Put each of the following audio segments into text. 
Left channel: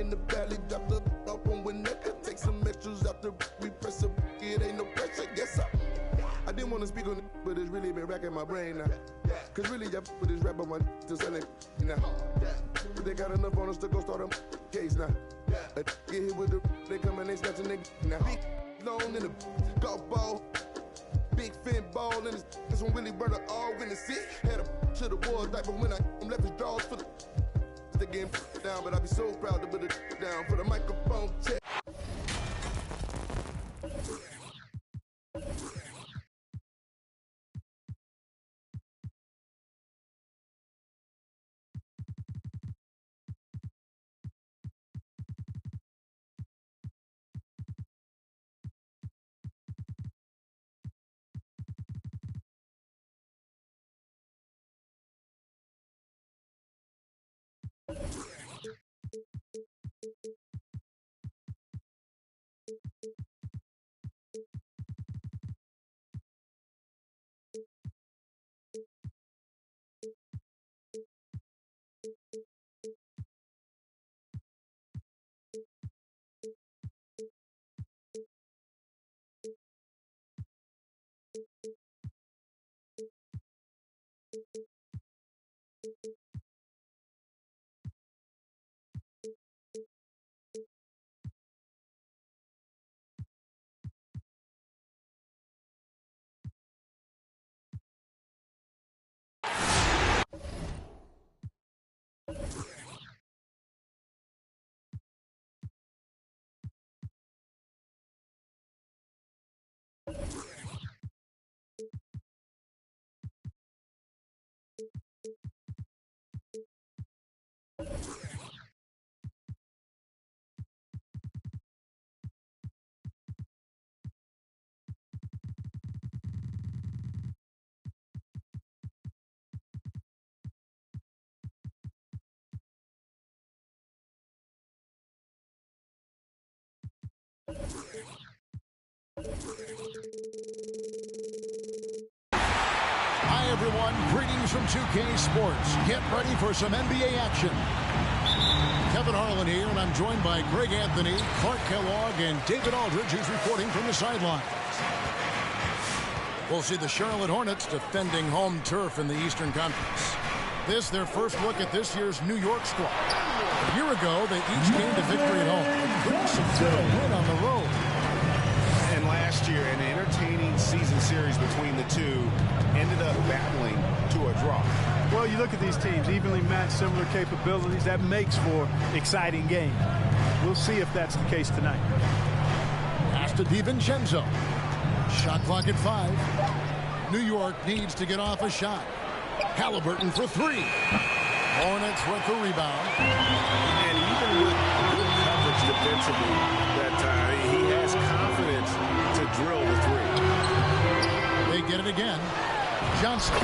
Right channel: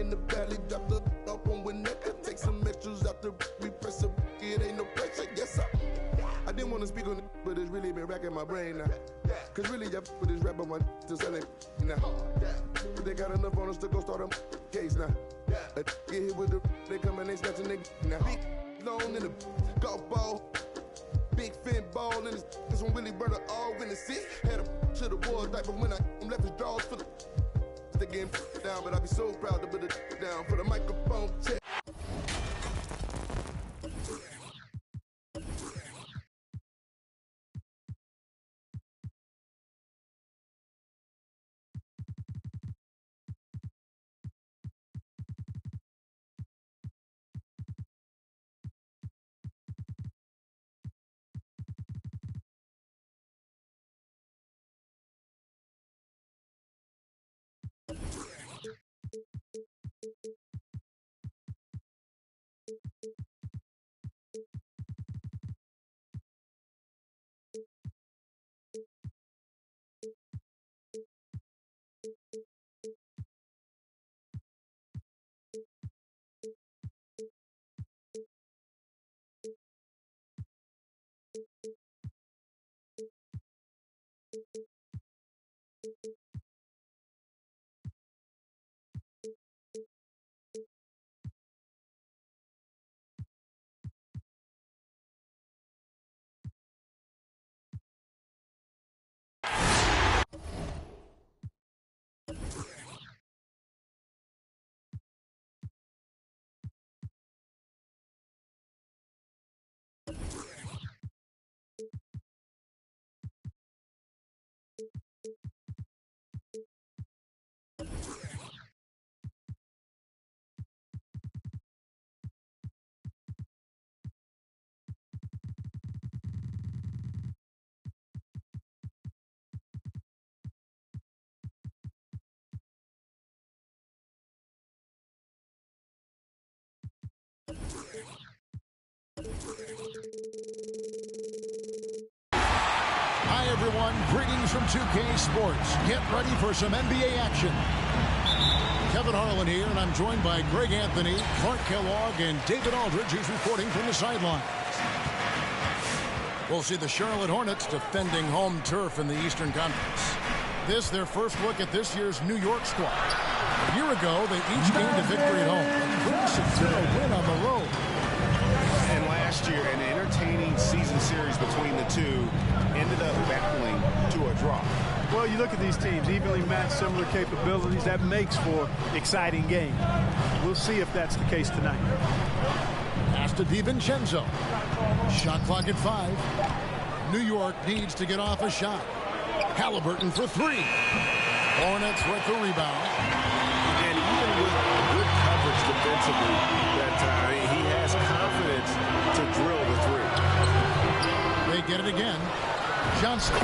in the valley, drop the up on whenever. Take some extras out the repress up. It ain't no pressure, yes sir. I didn't want to speak on it, but it's really been racking my brain now. Cause really, I put this rap on my to sell it now. But they got enough on us to go start a case now. Get hit with the, they come and they snatching nigga now. Big long in the golf ball. Big fin ball in this one really burned all in the seat. Had a to the wall diaper when I left his drawers for the they getting down, but I be so proud to put it down for the microphone check. Hi, everyone. Greetings from 2K Sports. Get ready for some NBA action. Kevin Harlan here, and I'm joined by Greg Anthony, Clark Kellogg, and David Aldridge, who's reporting from the sidelines. We'll see the Charlotte Hornets defending home turf in the Eastern Conference. This, their first look at this year's New York squad. A year ago, they each gained a victory at home and couldn't secure a win on the road. And last year, an entertaining season series between the two ended up battling to a draw. Well, you look at these teams, evenly matched, similar capabilities. That makes for exciting games. We'll see if that's the case tonight. Pass to DiVincenzo. Shot clock at 5. New York needs to get off a shot. Halliburton for 3. Hornets with the rebound. And even with good coverage defensively that time, he has confidence to drill the 3. They get it again. Johnson.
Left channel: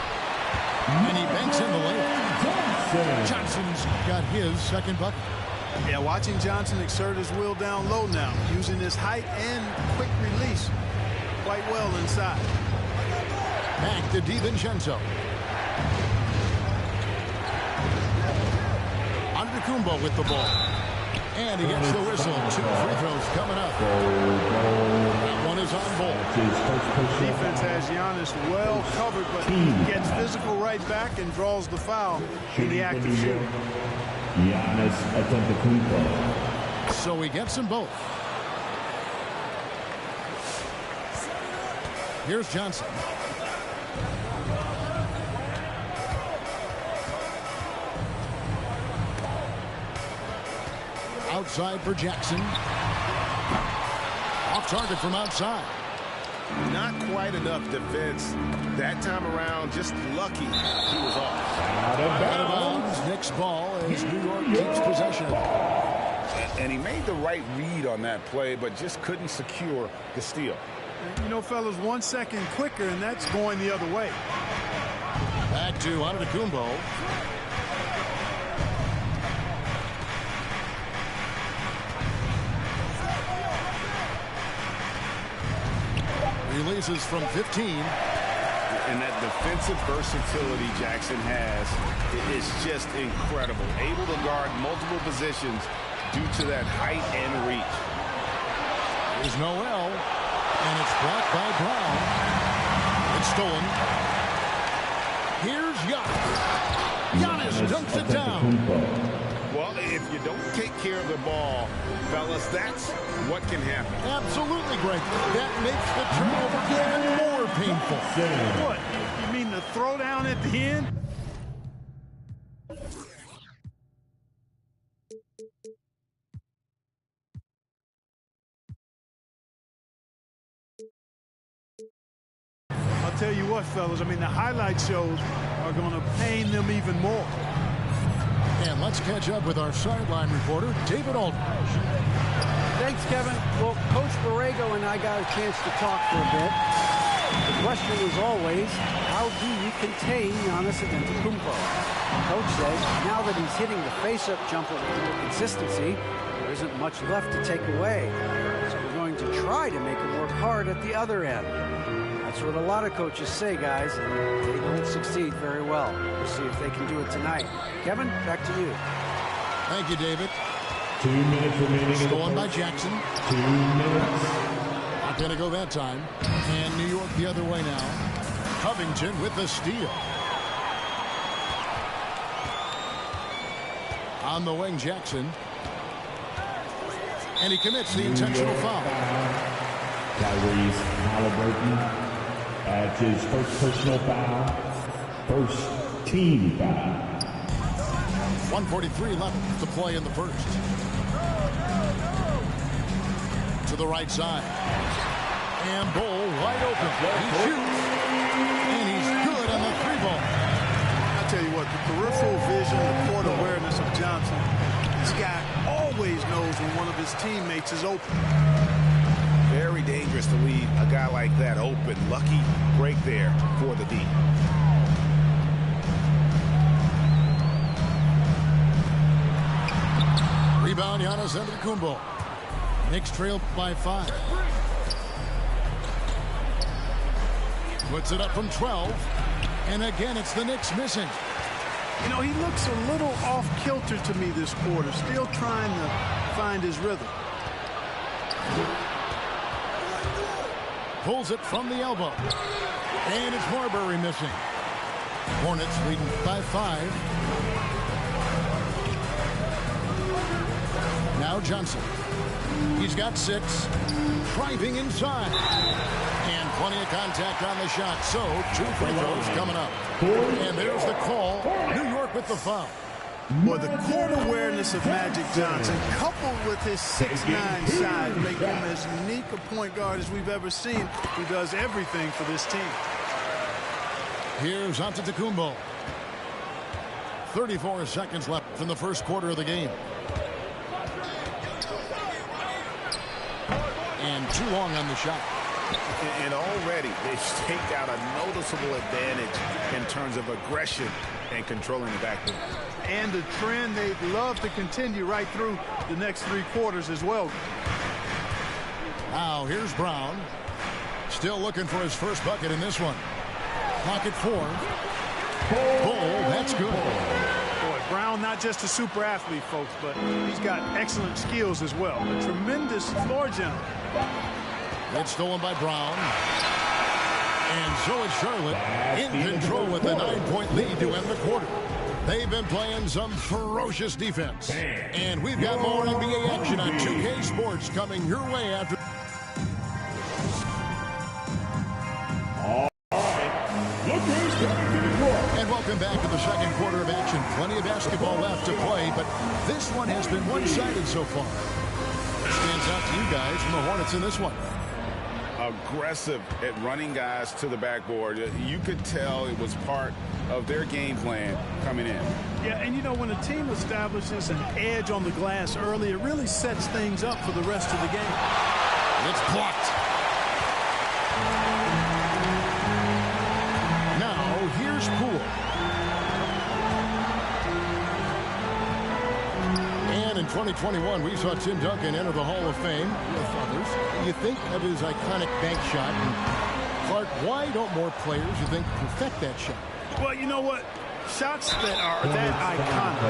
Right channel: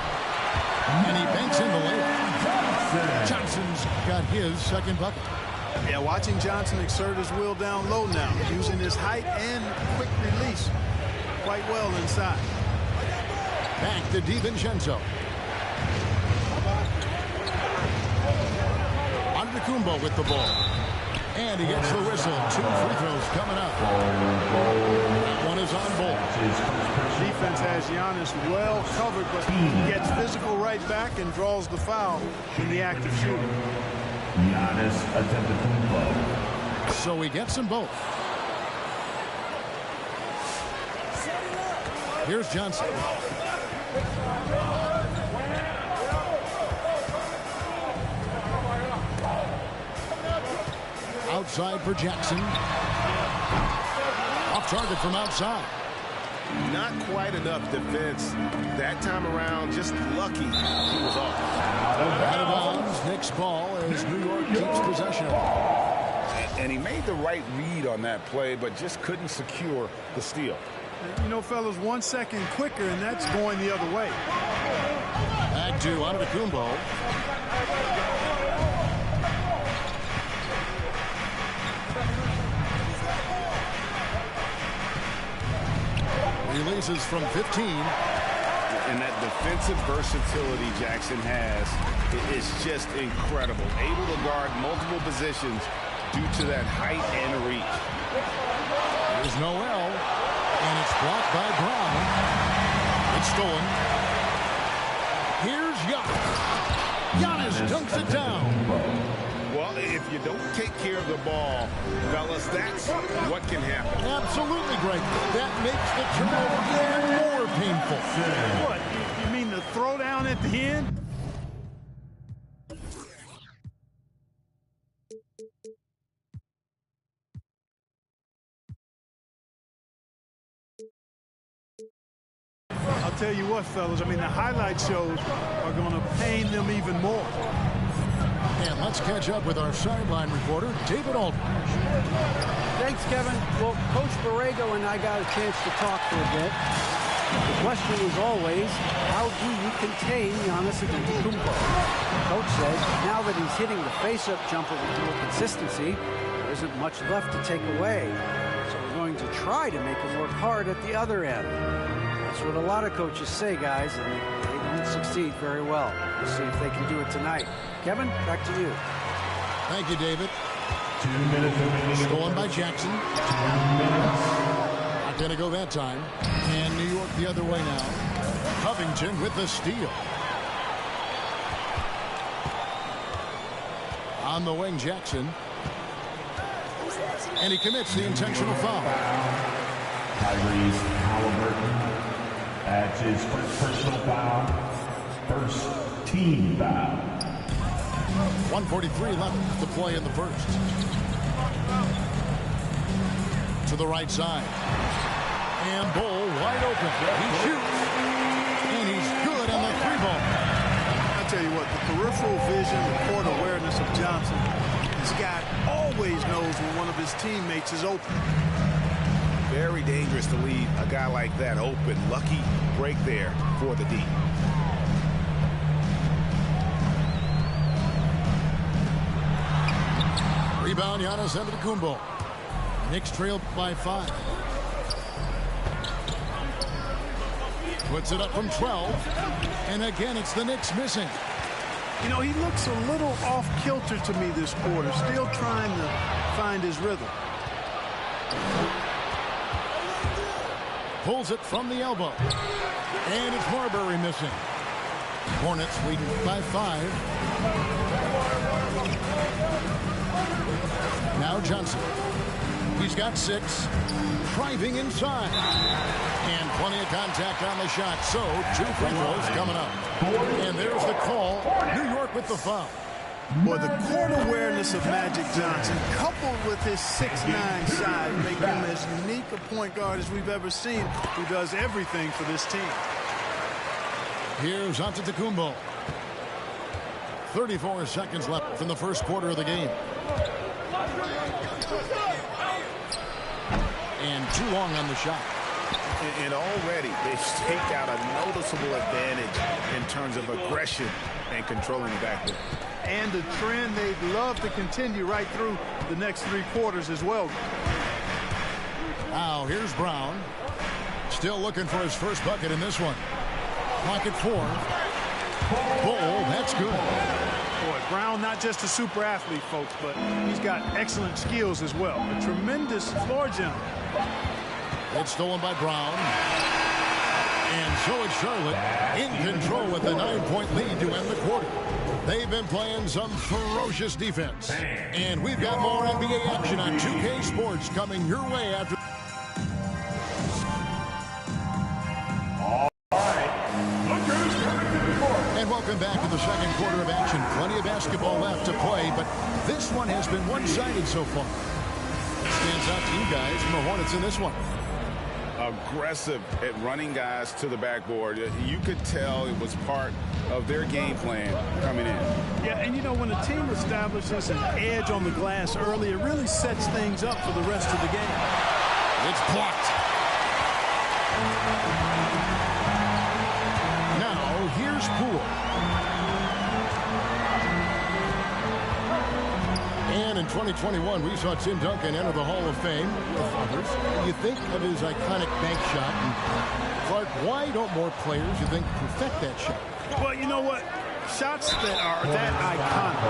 And he banks in the layup. Johnson's got his second bucket. Yeah, watching Johnson exert his will down low now, using his height and quick release quite well inside. Back to DiVincenzo. Antetokounmpo with the ball. And he gets the whistle. 2 free throws coming up. That one is on ball. Defense has Giannis well covered, but he gets physical right back and draws the foul in the act of shooting. Giannis Antetokounmpo. So he gets them both. Here's Johnson. Outside for Jackson. Off target from outside. Not quite enough defense that time around. Just lucky he was off. Out of bounds. Knicks ball as New York keeps possession of it. And he made the right read on that play, but just couldn't secure the steal. You know, fellas, 1 second quicker, and that's going the other way. Back to Antetokounmpo. Releases from 15. And that defensive versatility Jackson has is just incredible. Able to guard multiple positions due to that height and reach. Here's Noel, and it's blocked by Brown. It's stolen. Here's Giannis dunks it down. Well, if you don't take care of the ball, fellas, that's what can happen. Absolutely, Greg. That makes the turnover even more painful. What? You mean the throwdown at the end? I'll tell you what, fellas, I mean, the highlight shows are going to pain them even more. And let's catch up with our sideline reporter, David Aldridge. Thanks, Kevin. Well, Coach Borrego and I got a chance to talk for a bit. The question is always, how do you contain Giannis Antetokounmpo? Coach says now that he's hitting the face-up jumper with more consistency, there isn't much left to take away. So we're going to try to make him work hard at the other end. That's what a lot of coaches say, guys, and they don't succeed very well. We'll see if they can do it tonight. Kevin, back to you. Thank you, David. 2 minutes remaining. Stolen by Jackson. 2 minutes. Not going to go that time. And New York the other way now. Covington with the steal. On the wing, Jackson. And he commits the intentional foul. Tyrese Halliburton adds his first personal foul. First team foul. 1:43 left to play in the first. To the right side. And Bull wide open. He shoots. And he's good on the three ball. I'll tell you what, the peripheral vision, the court awareness of Johnson, this guy always knows when one of his teammates is open. Very dangerous to leave a guy like that open. Lucky break there for the D. Rebound, Giannis Antetokounmpo. Knicks trail by 5. Puts it up from 12. And again, it's the Knicks missing. You know, he looks a little off-kilter to me this quarter, still trying to find his rhythm. Pulls it from the elbow. And it's Marbury missing. Hornets leading by 5. Now Johnson. He's got 6. Driving inside. And plenty of contact on the shot. So 2 free throws coming up. And there's the call. New York with the foul. Boy, the court awareness of Magic Johnson, coupled with his 6'9" size, make him as unique a point guard as we've ever seen, who does everything for this team. Here's Antetokounmpo. 34 seconds left in the first quarter of the game. And too long on the shot. And already they've staked out a noticeable advantage in terms of aggression and controlling the backboard. And a trend they'd love to continue right through the next 3 quarters as well. Now here's Brown. Still looking for his first bucket in this one. Clock at 4. Bull, that's good. Boy, Brown not just a super athlete, folks, but he's got excellent skills as well. A tremendous floor general. It's stolen by Brown. And so it's Charlotte in control with a 9-point lead to end the quarter. They've been playing some ferocious defense. And we've got more NBA action on 2K Sports coming your way after. And welcome back to the second quarter of action. Plenty of basketball left to play, but this one has been one-sided so far. What stands out to you guys from the Hornets in this one? Aggressive at running guys to the backboard. You could tell it was part of their game plan coming in. Yeah, and you know, when a team establishes an edge on the glass early, it really sets things up for the rest of the game. It's blocked. Now, here's Poole. And in 2021, we saw Tim Duncan enter the Hall of Fame with others. You think of his iconic bank shot. And Clark, why don't more players, you think, perfect that shot? Well, you know what? Shots that are that iconic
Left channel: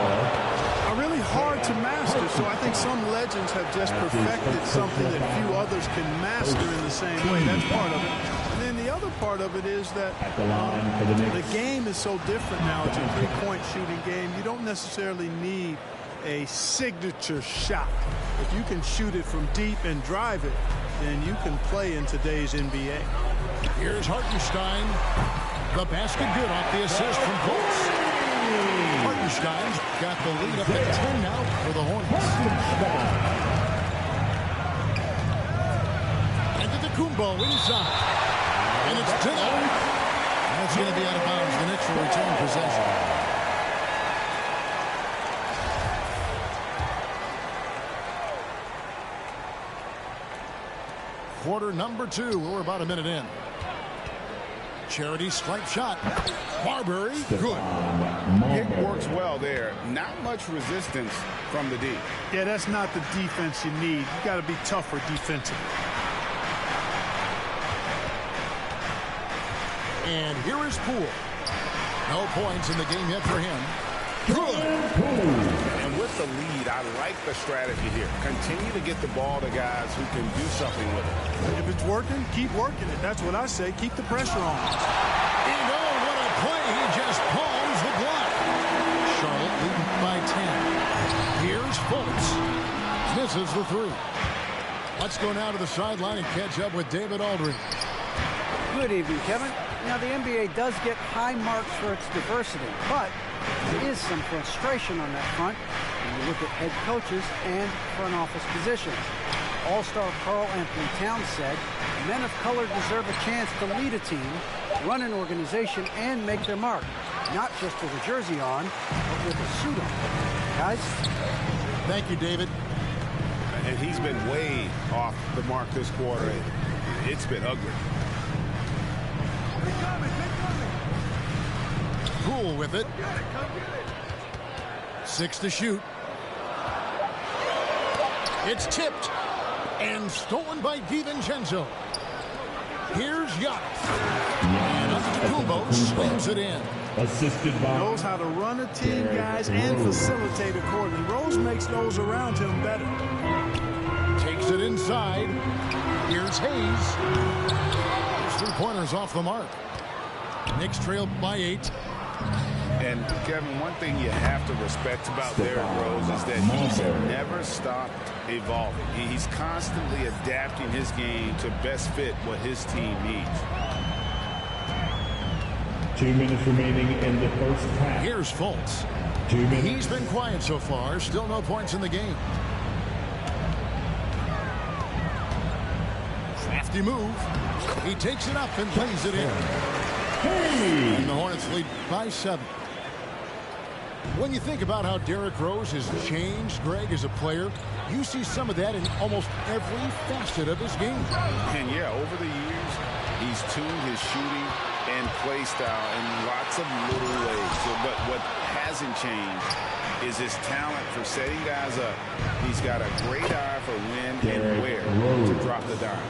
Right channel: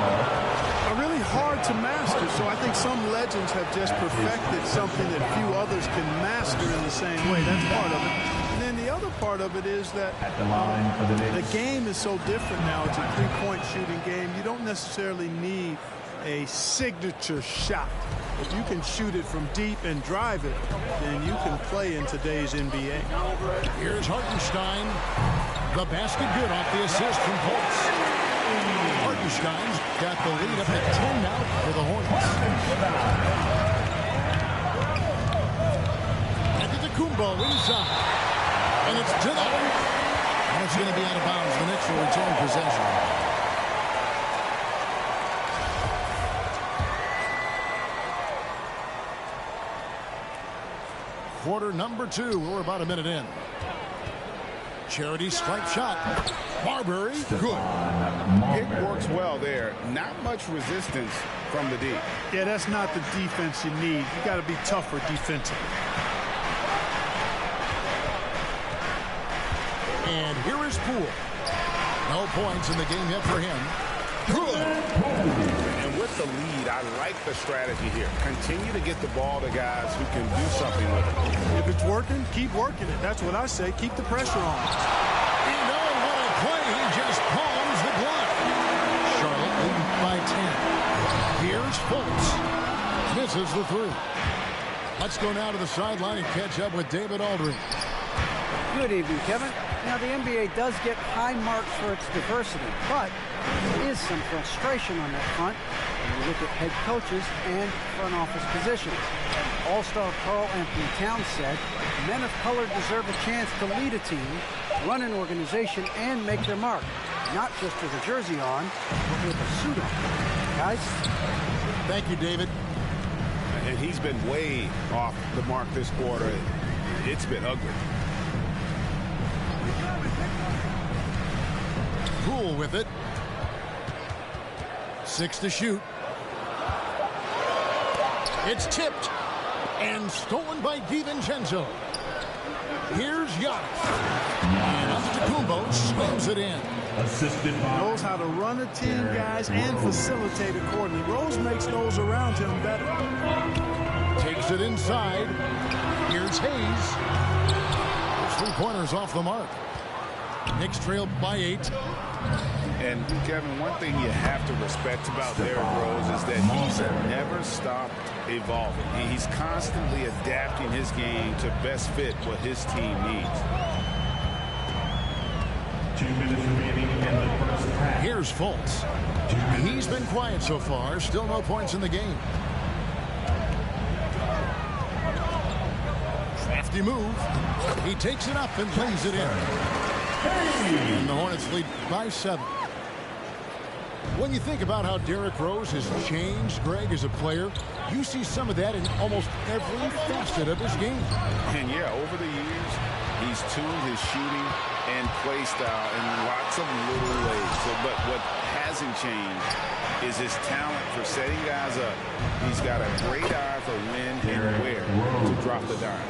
are really hard to master. So I think some legends have just perfected something that few others can master in the same way. That's part of it. And then the other part of it is that At the line for the Knicks. the game is so different now. It's a three-point shooting game. You don't necessarily need a signature shot. If you can shoot it from deep and drive it, then you can play in today's NBA. Here's Hartenstein. The basket good off the assist from Fultz. Hartenstein's got the lead up at 10 now for the Hornets. Antetokounmpo inside. And it's denied. That's going to be out of bounds. The Knicks will retain possession. Quarter number 2. We're about a minute in. Charity stripe shot. Marbury, good. Pick works well there. Not much resistance from the D. Yeah, that's not the defense you need. You got to be tougher defensively. And here is Poole. No points in the game yet for him. Good. And with the lead, I like the strategy here. Continue to get the ball to guys who can do something with it. If it's working, keep working it. That's what I say. Keep the pressure on. And oh, what a play. He just palms the block. Charlotte leading by 10. Here's Fultz. Misses the 3. Let's go now to the sideline and catch up with David Aldridge. Good evening, Kevin. Now, the NBA does get high marks for its diversity, but there is some frustration on that front when you look at head coaches and front office positions. All-star Karl Anthony Towns said, men of color deserve a chance to lead a team, run an organization, and make their mark, not just with a jersey on, but with a suit on. Guys? Thank you, David. And he's been way off the mark this quarter. It's been ugly. Poole with it. 6 to shoot. It's tipped and stolen by DiVincenzo. Here's Giannis. And Antetokounmpo slams it in. Assisted by. Knows how to run a team, guys, and facilitate accordingly. Rose makes those around him better. Takes it inside. Here's Hayes. His three-pointers off the mark. Knicks trail by 8. And, Kevin, one thing you have to respect about Derrick Rose is that he's never stopped evolving. He's constantly adapting his game to best fit what his team needs. 2 minutes remaining in the first half. Here's Fultz. 2 minutes. He's been quiet so far. Still no points in the game. Crafty move. He takes it up and lays it in. And the Hornets lead by 7. When you think about how Derrick Rose has changed, Greg, as a player, you see some of that in almost every facet of his game. And, yeah, over the years, he's tuned his shooting and play style in lots of little ways. But what hasn't changed is his talent for setting guys up. He's got a great eye for when and where to drop the dime.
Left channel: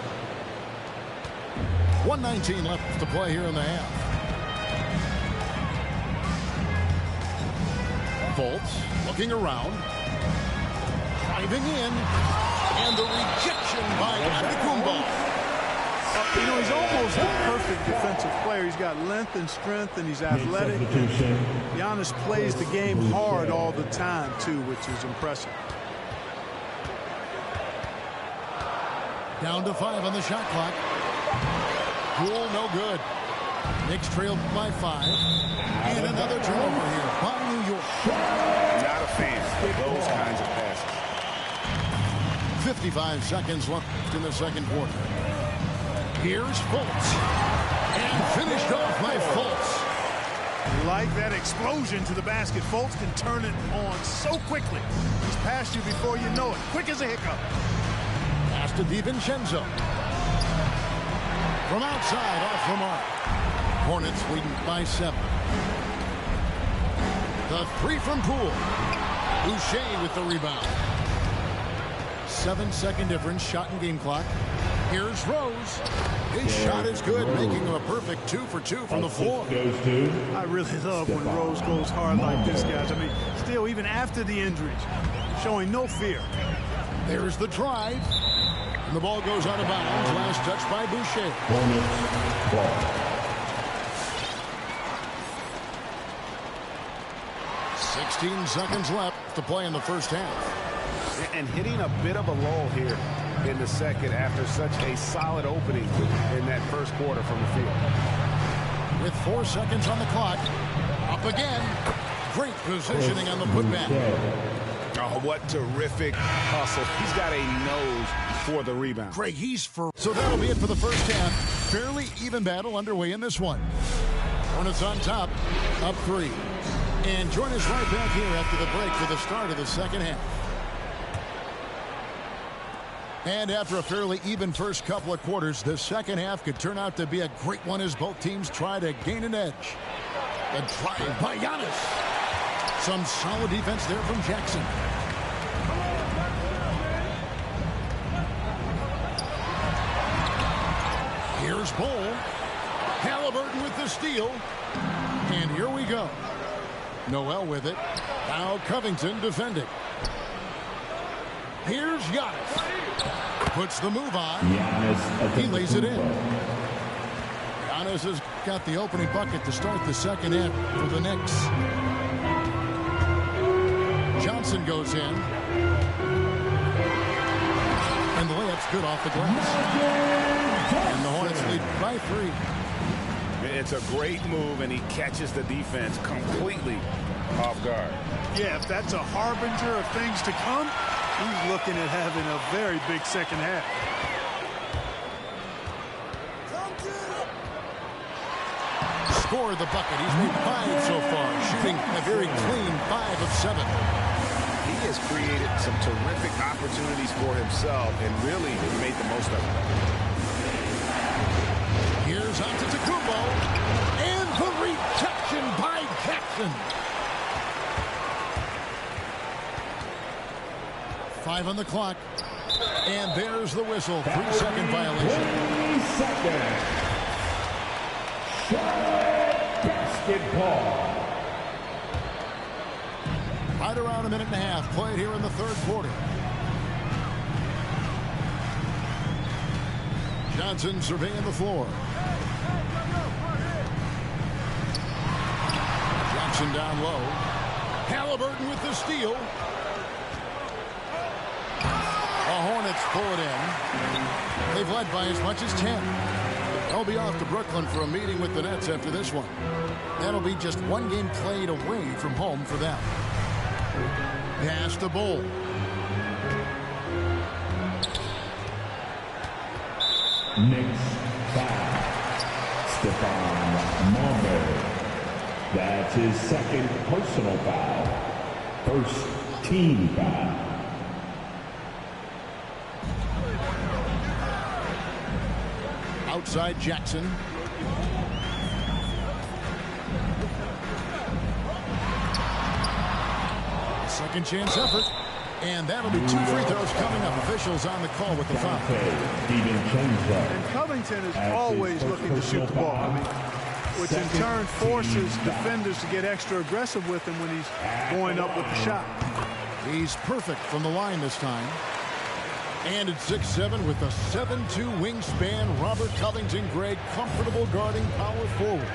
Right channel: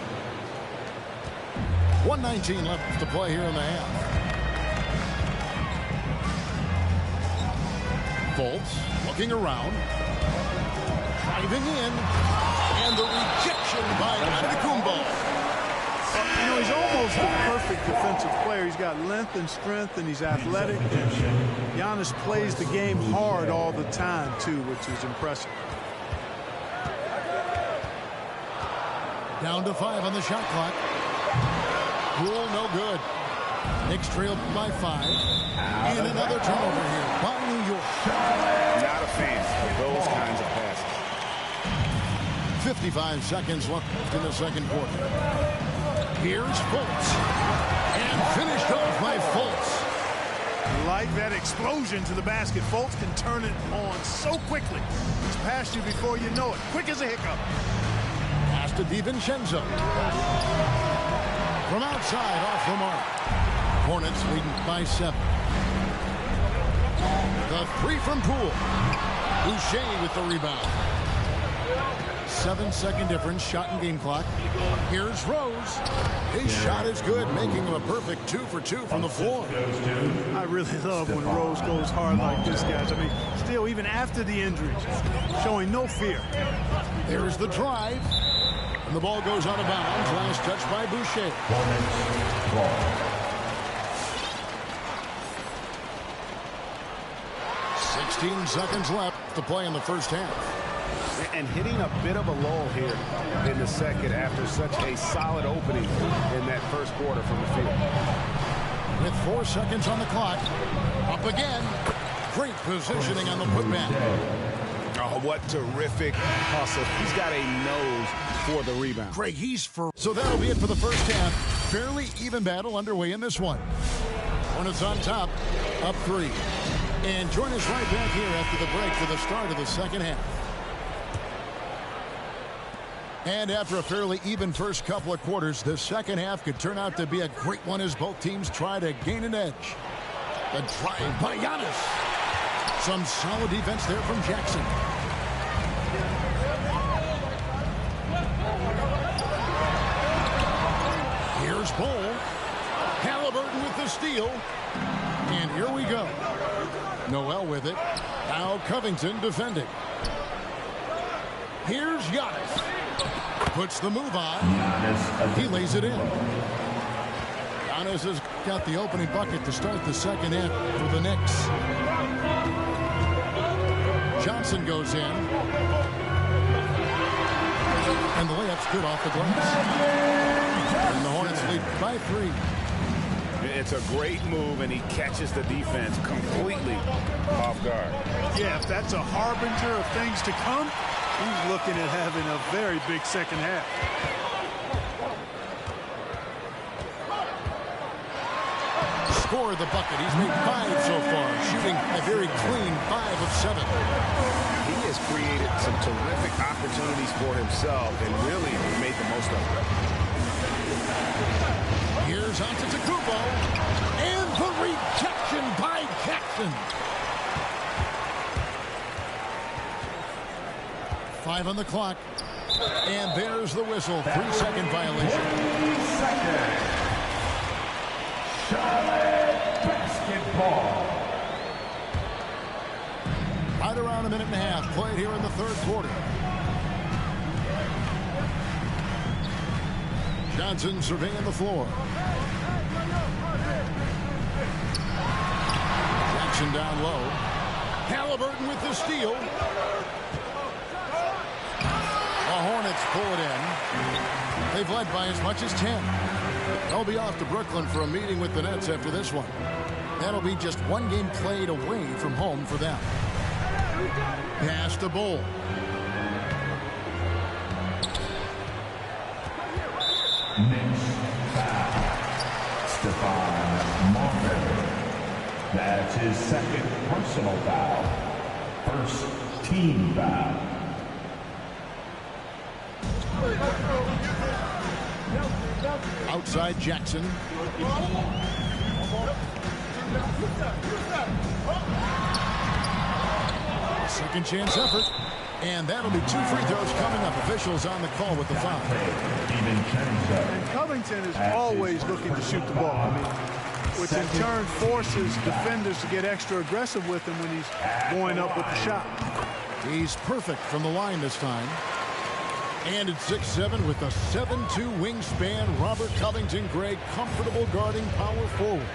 1:19 left to play here in the half. Fultz looking around, driving in, and the rejection by Antetokounmpo. You know, he's almost the perfect defensive player. He's got length and strength, and he's athletic. And Giannis plays the game hard all the time, too, which is impressive. Down to 5 on the shot clock. Poole, no good. Knicks trailed by 5. And another turnover here by New York. Not a fan of those kinds of passes. 55 seconds left in the second quarter. Here's Fultz. And finished off by Fultz. Like that explosion to the basket. Fultz can turn it on so quickly. He's past you before you know it. Quick as a hiccup. Pass to DiVincenzo. From outside, off the mark. Hornets leading by 7. The 3 from Poole. Boucher with the rebound. 7-second difference, shot and game clock. Here's Rose. His shot is good, making him a perfect 2 for 2 from the floor. I really love when Rose goes hard like this, guys. I mean, still, even after the injuries, showing no fear. There's the drive. And the ball goes out of bounds. Last touch by Boucher. Hornets ball. 16 seconds left to play in the first half. And hitting a bit of a lull here in the second after such a solid opening in that first quarter from the field. With 4 seconds on the clock. Up again. Great positioning on the putback. Oh, what terrific hustle. He's got a nose for the rebound. Great, So that'll be it for the first half. Fairly even battle underway in this one. Hornets on top, up 3. And join us right back here after the break for the start of the second half. And after a fairly even first couple of quarters, the second half could turn out to be a great one as both teams try to gain an edge. The drive by Giannis. Some solid defense there from Jackson. Here's Bol. Halliburton with the steal. And here we go. Noel with it. Now Covington defending. Here's Giannis. Puts the move on. He lays it in. Giannis has got the opening bucket to start the second half for the Knicks. Johnson goes in. And the layup's good off the glass. And the Hornets lead by 3. It's a great move, and he catches the defense completely off guard. Yeah, if that's a harbinger of things to come, he's looking at having a very big second half. Score the bucket. He's made 5 so far, shooting a very clean 5 of 7. He has created some terrific opportunities for himself and really made the most of it. Here's Antetokounmpo, and the rejection by Jackson. 5 on the clock, and there's the whistle. 3-second violation. 3 seconds. Charlotte basketball. Right around a minute and a half played here in the third quarter. Johnson surveying the floor. Jackson down low. Halliburton with the steal. The Hornets pull it in. They've led by as much as 10. They'll be off to Brooklyn for a meeting with the Nets after this one. That'll be just one game played away from home for them. Pass to Bol. Knicks foul. Stephon Marbury. That's his second personal foul. First team foul. Outside Jackson. Second chance effort. And that'll be 2 free throws coming up. Officials on the call with the foul. And Covington is always looking to shoot the ball. I mean, which in turn forces defenders to get extra aggressive with him when he's going up with the shot. He's perfect from the line this time. And at 6'7" with a 7'2" wingspan, Robert Covington, Greg, comfortable guarding power forwards.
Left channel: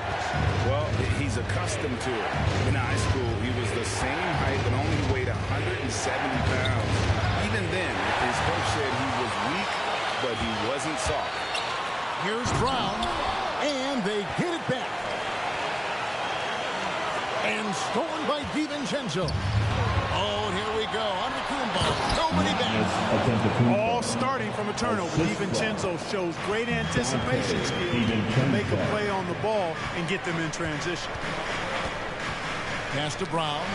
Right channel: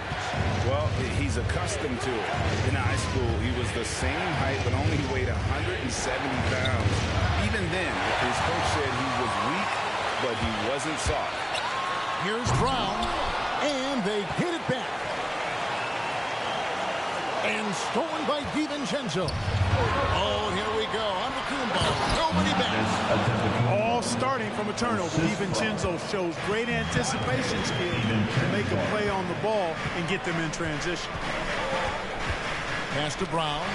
Well, he's accustomed to it. In high school, he was the same height, but only weighed 170 pounds. Even then, his coach said he was weak, but he wasn't soft. Here's Brown, and they get it back. And stolen by DiVincenzo. Oh, and here we go. Antetokounmpo. Nobody back. All starting from a turnover. DiVincenzo shows great anticipation skills to make a play on the ball and get them in transition. Pass to Brown.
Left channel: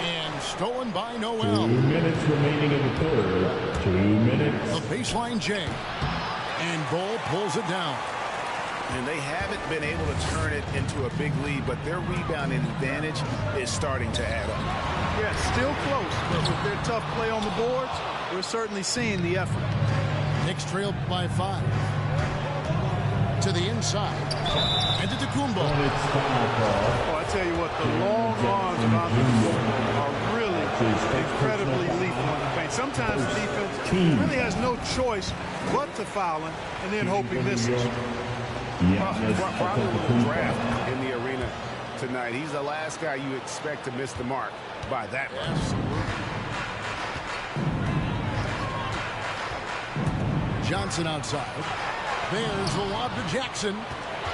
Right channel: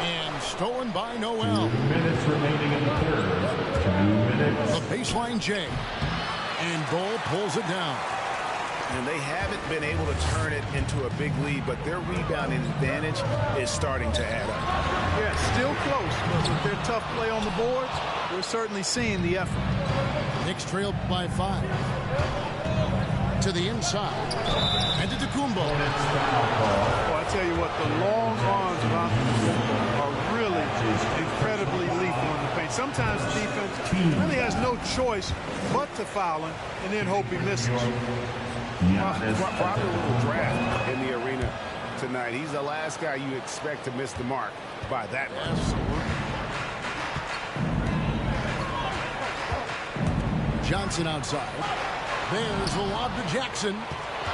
And stolen by Noel. 2 minutes remaining in the third. 2 minutes. The baseline J. And Bol pulls it down. And they haven't been able to turn it into a big lead, but their rebounding advantage is starting to add up. Yeah, still close, but with their tough play on the boards, we're certainly seeing the effort. Knicks trailed by 5. To the inside. And to Antetokounmpo. Oh, I tell you what, the long arms of Antetokounmpo are really incredibly lethal in the paint. Sometimes the defense really has no choice but to foul him and then hope he misses. Probably a little draft in the arena tonight. He's the last guy you expect to miss the mark by that much. Absolutely. Johnson outside. There's the lob to Jackson.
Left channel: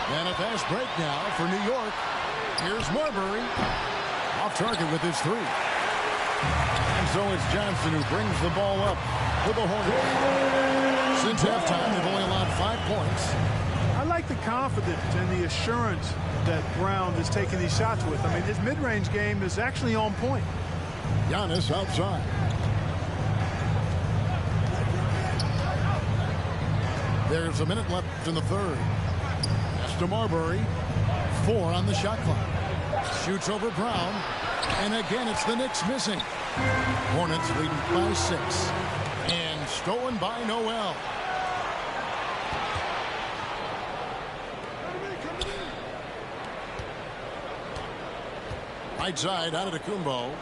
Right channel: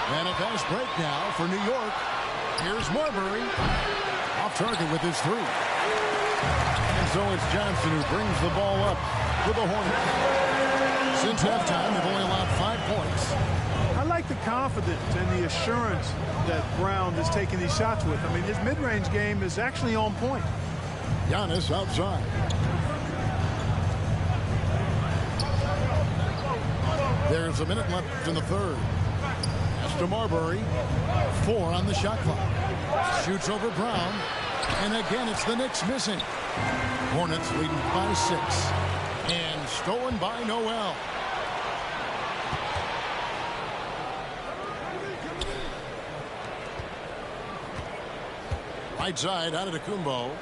And a fast break now for New York. Here's Marbury. Off target with his 3. And so it's Johnson who brings the ball up for the Hornets. Since halftime, they've only allowed 5 points. I like the confidence and the assurance that Brown is taking these shots with. I mean, his mid-range game is actually on point. Giannis outside. There's a minute left in the third. Pass to Marbury. 4 on the shot clock. Shoots over Brown. And again, it's the Knicks missing. Hornets leading by 6. And stolen by Noel. Right side out of Antetokounmpo.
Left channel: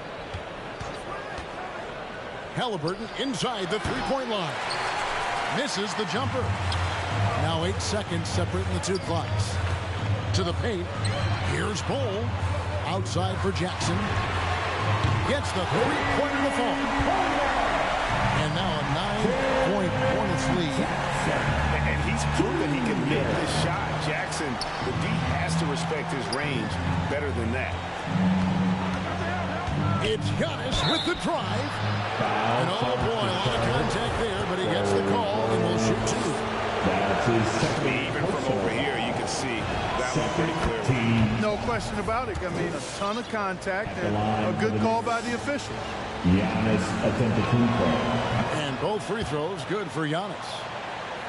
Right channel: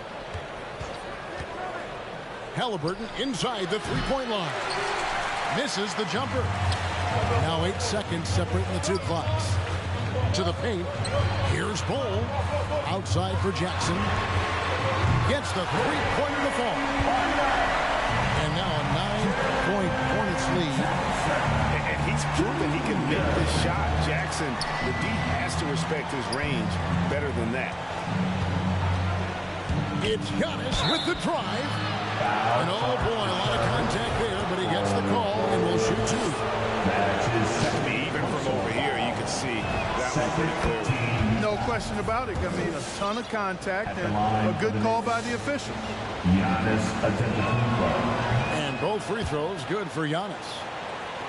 Halliburton inside the three-point line. Misses the jumper. Now 8 seconds separating the 2 clocks. To the paint. Here's Bol. Outside for Jackson. Gets the three-pointer to fall. And now a 9-point Hornets lead. And he's proven he can make this shot. Jackson, the D has to respect his range better than that. It's Giannis with the drive. And oh boy, a lot of contact there, but he gets the call and will shoot 2. That's his second. Even from over here, you can see that one pretty clearly. No question about it. I mean, a ton of contact and a good call by the official. Giannis Antetokounmpo. And both free throws good for Giannis.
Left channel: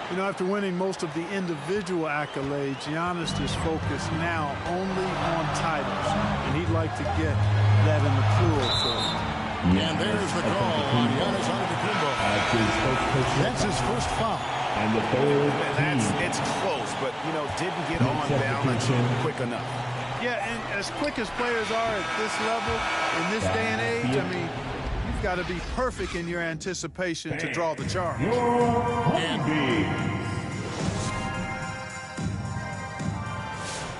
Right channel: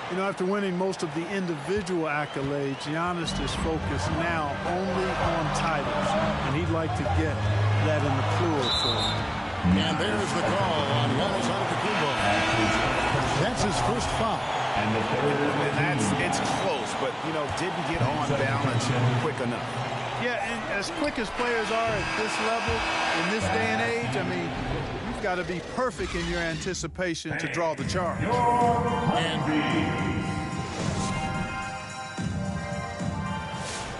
You know, after winning most of the individual accolades, Giannis is focused now only on titles, and he'd like to get that in the plural form. And there's the call on Giannis Antetokounmpo. That's his first foul. And the third. And it's close, but, you know, didn't get on balance quick enough. Yeah, and as quick as players are at this level, in this day and age, I mean, you've got to be perfect in your anticipation to draw the charge.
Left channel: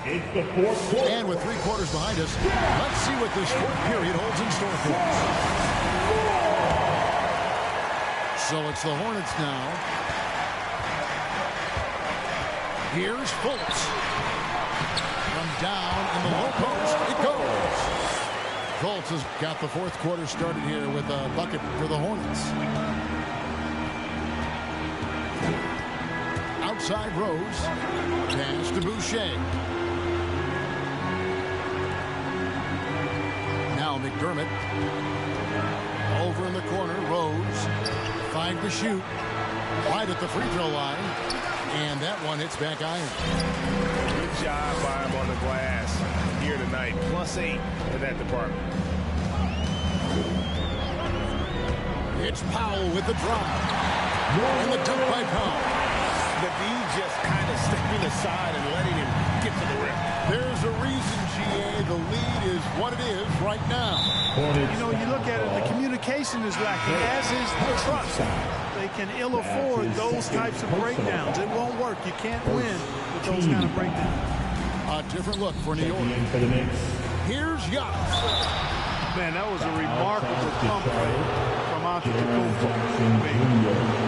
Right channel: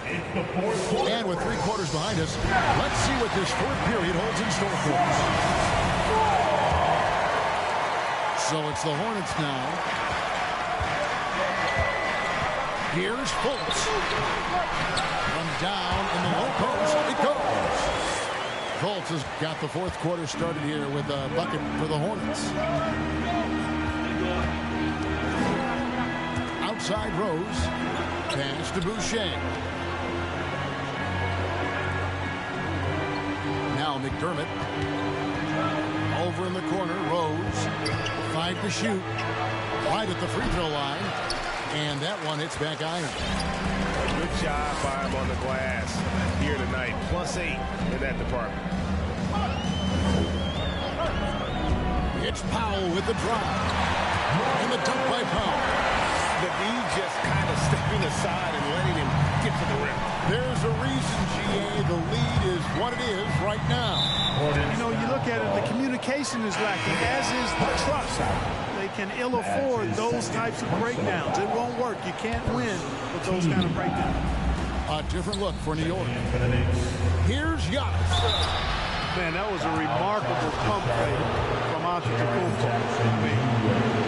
It's the fourth quarter. And with 3 quarters behind us, let's see what this 4th period holds in store for us. So it's the Hornets now. Here's Fultz. From down in the low post, it goes. Fultz has got the 4th quarter started here with a bucket for the Hornets. Outside Rose. Pass to Boucher. Now McDermott. Over in the corner, Rose. 5 to shoot. Right at the free throw line. And that one hits back iron. Good job by him on the glass here tonight. +8 in that department. It's Powell with the drive. And the dunk by Powell. The D just kind of stepping aside and letting him get to the rim. There's a reason, GA, the lead is what it is right now. You know, you look at it, the communication is lacking, as is the trust. They can ill afford those types of breakdowns. It won't work. You can't win with those kind of breakdowns. A different look for New York. Here's Giannis. Man, that was a remarkable pump fake from Antetokounmpo. I mean,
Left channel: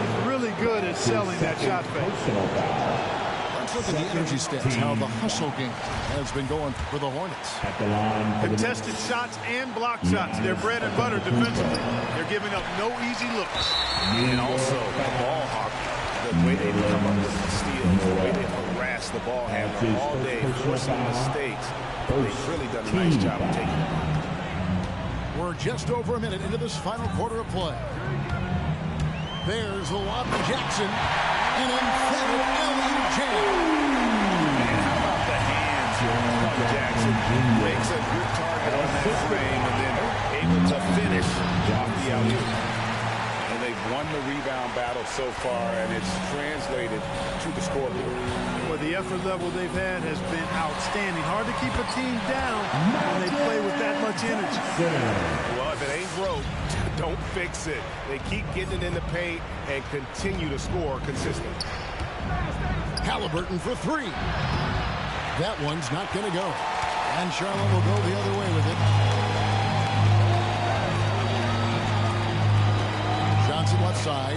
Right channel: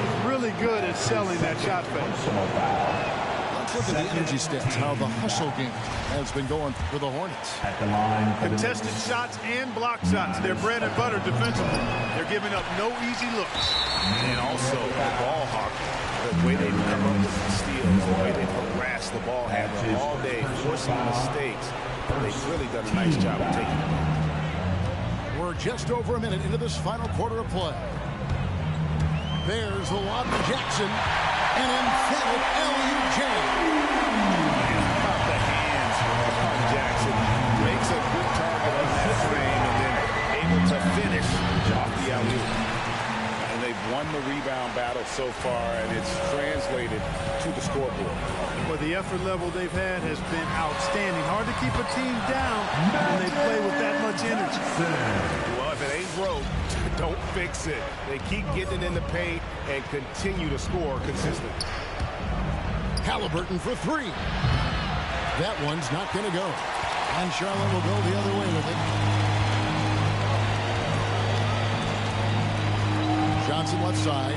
he's really good at selling that shot fake. Let's look at the energy stats, how the hustle game has been going for the Hornets. At the line. Contested shots and block shots. They're bread and butter defensively. They're giving up no easy looks. And also the ball hockey. The way they come up with the steals, the way they harass the ball handler all day, forcing mistakes. They've really done a nice job of taking it on. We're just over a minute into this final quarter of play. There's the lob to Jackson. An emphatic alley-oop jam. And how about the hands on Jackson? Makes a good target on that frame and then able to finish off the alley-oop. And they've won the rebound battle so far, and it's translated to the scoreboard. Well, the effort level they've had has been outstanding. Hard to keep a team down when they play with that much energy. Well, if it ain't broke, don't fix it. They keep getting it in the paint and continue to score consistently. Halliburton for three. That one's not going to go. And Charlotte will go the other way with it. Johnson left side.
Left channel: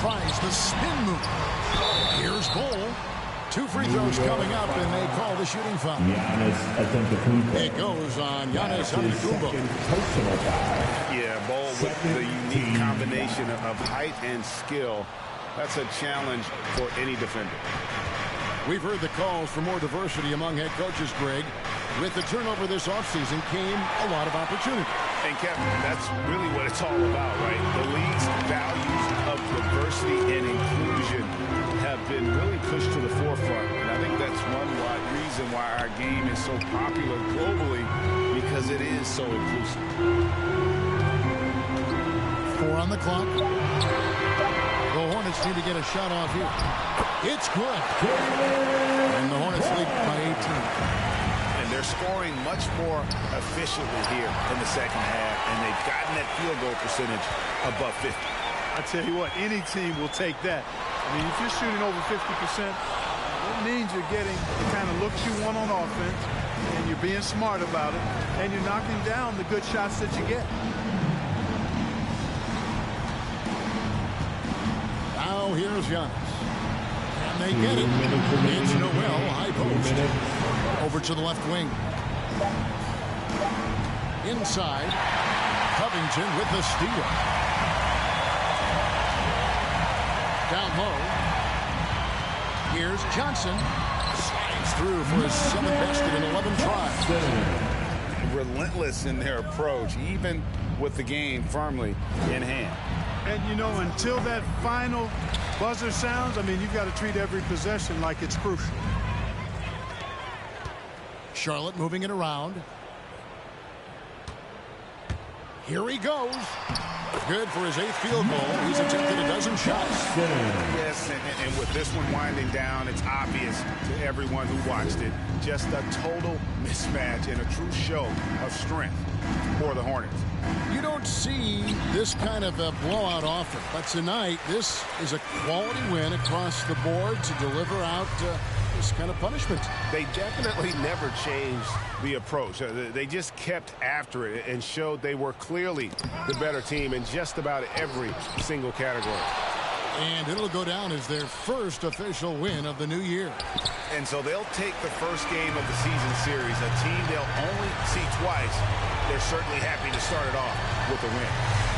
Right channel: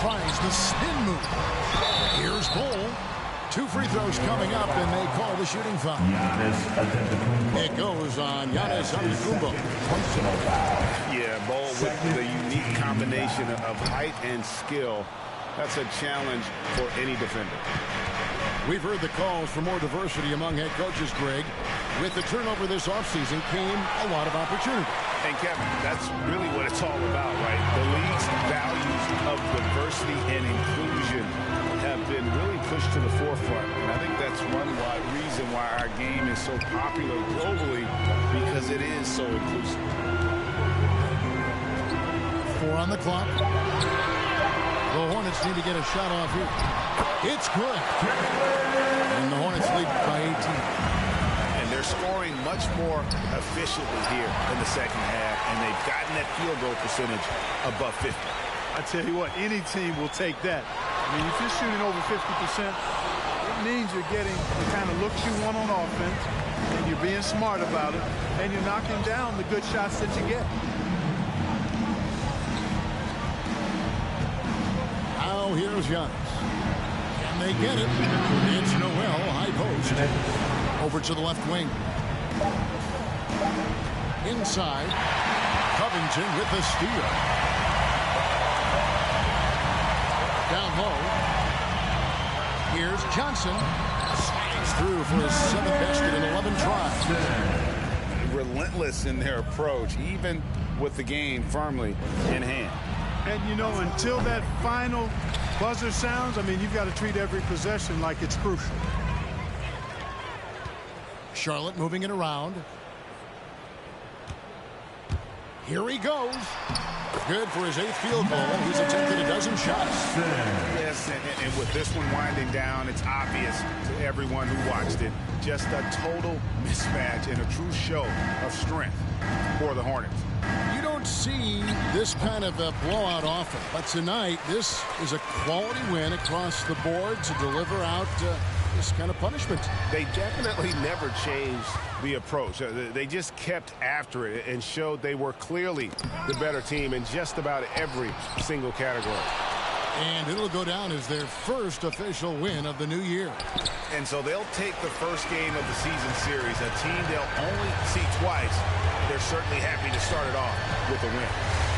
Tries the spin move. Here's Bol. 2 free throws coming up, and they call the shooting foul. Giannis Antetokounmpo. It goes on Giannis Antetokounmpo. Personal foul. Yeah, Bol with the unique combination of height and skill. That's a challenge for any defender. We've heard the calls for more diversity among head coaches, Greg. With the turnover this offseason came a lot of opportunity. And Kevin, that's really what it's all about, right? The league's values of diversity and inclusion have been really pushed to the forefront. And I think that's one reason why our game is so popular globally, because it is so inclusive. 4 on the clock. The Hornets need to get a shot off here. It's good. And the Hornets lead by 18. And they're scoring much more efficiently here in the second half, and they've gotten that field goal percentage above 50. I tell you what, any team will take that. I mean, if you're shooting over 50%, it means you're getting the kind of looks you want on offense, and you're being smart about it, and you're knocking down the good shots that you get. Now here's Giannis. Can they get it? It's Noel, high post. Over to the left wing. Inside. Covington with the steal. Down low. Here's Johnson. Slides through for his 7th basket in 11 tries. Relentless in their approach, even with the game firmly in hand. And, you know, until that final buzzer sounds, I mean, you've got to treat every possession like it's crucial. Charlotte moving it around. Here he goes. Good for his 8th field goal. He's attempted a dozen shots. Yes, and with this one winding down, it's obvious to everyone who watched it. Just a total mismatch and a true show of strength for the Hornets. You don't see this kind of a blowout often, but tonight this is a quality win across the board to deliver out this kind of punishment. They definitely never changed the approach. They just kept after it and showed they were clearly the better team in just about every single category. And it'll go down as their first official win of the new year. And so they'll take the first game of the season series, a team they'll only see twice. They're certainly happy to start it off with a win.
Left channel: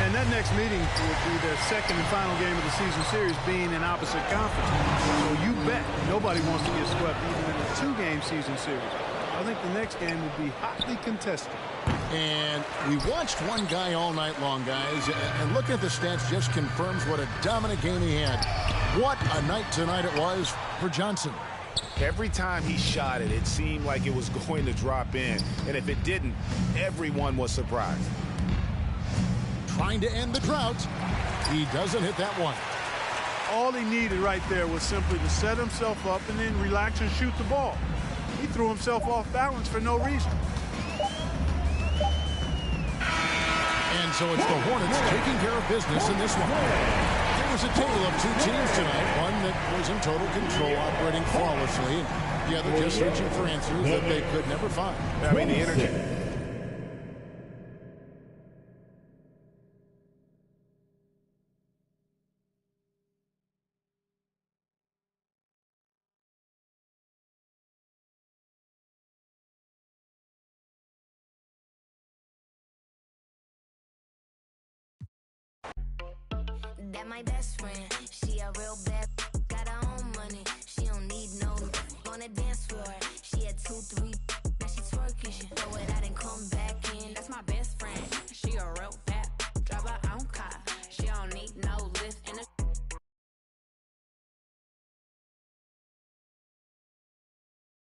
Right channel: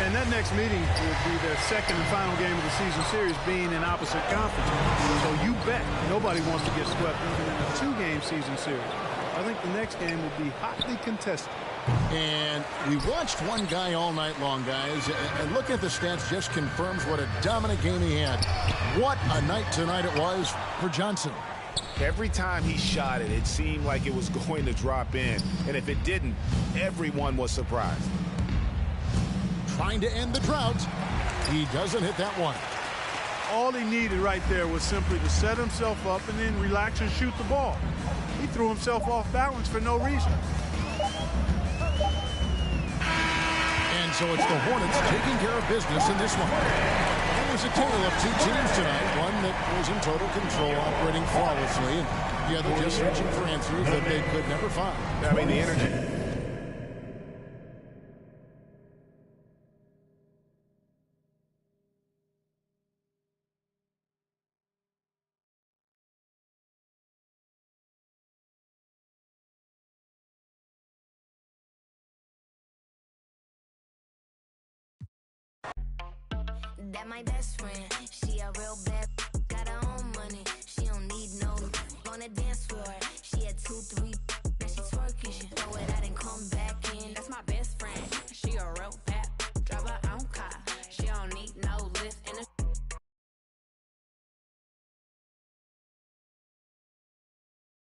And that next meeting will be their second and final game of the season series, being in opposite conference. So you bet nobody wants to get swept even in a 2-game season series. I think the next game will be hotly contested. And we watched one guy all night long, guys, and looking at the stats just confirms what a dominant game he had. What a night tonight it was for Johnson. Every time he shot it, it seemed like it was going to drop in. And if it didn't, everyone was surprised. Trying to end the drought. He doesn't hit that one. All he needed right there was simply to set himself up and then relax and shoot the ball. He threw himself off balance for no reason. And so it's the Hornets taking care of business in this one. It was a tale of 2 teams tonight. One that was in total control, operating flawlessly, and the other just searching for answers that they could never find. I mean, the energy. That my best friend, she a real bad, got her own money. She don't need no on the dance floor. She had 2, 3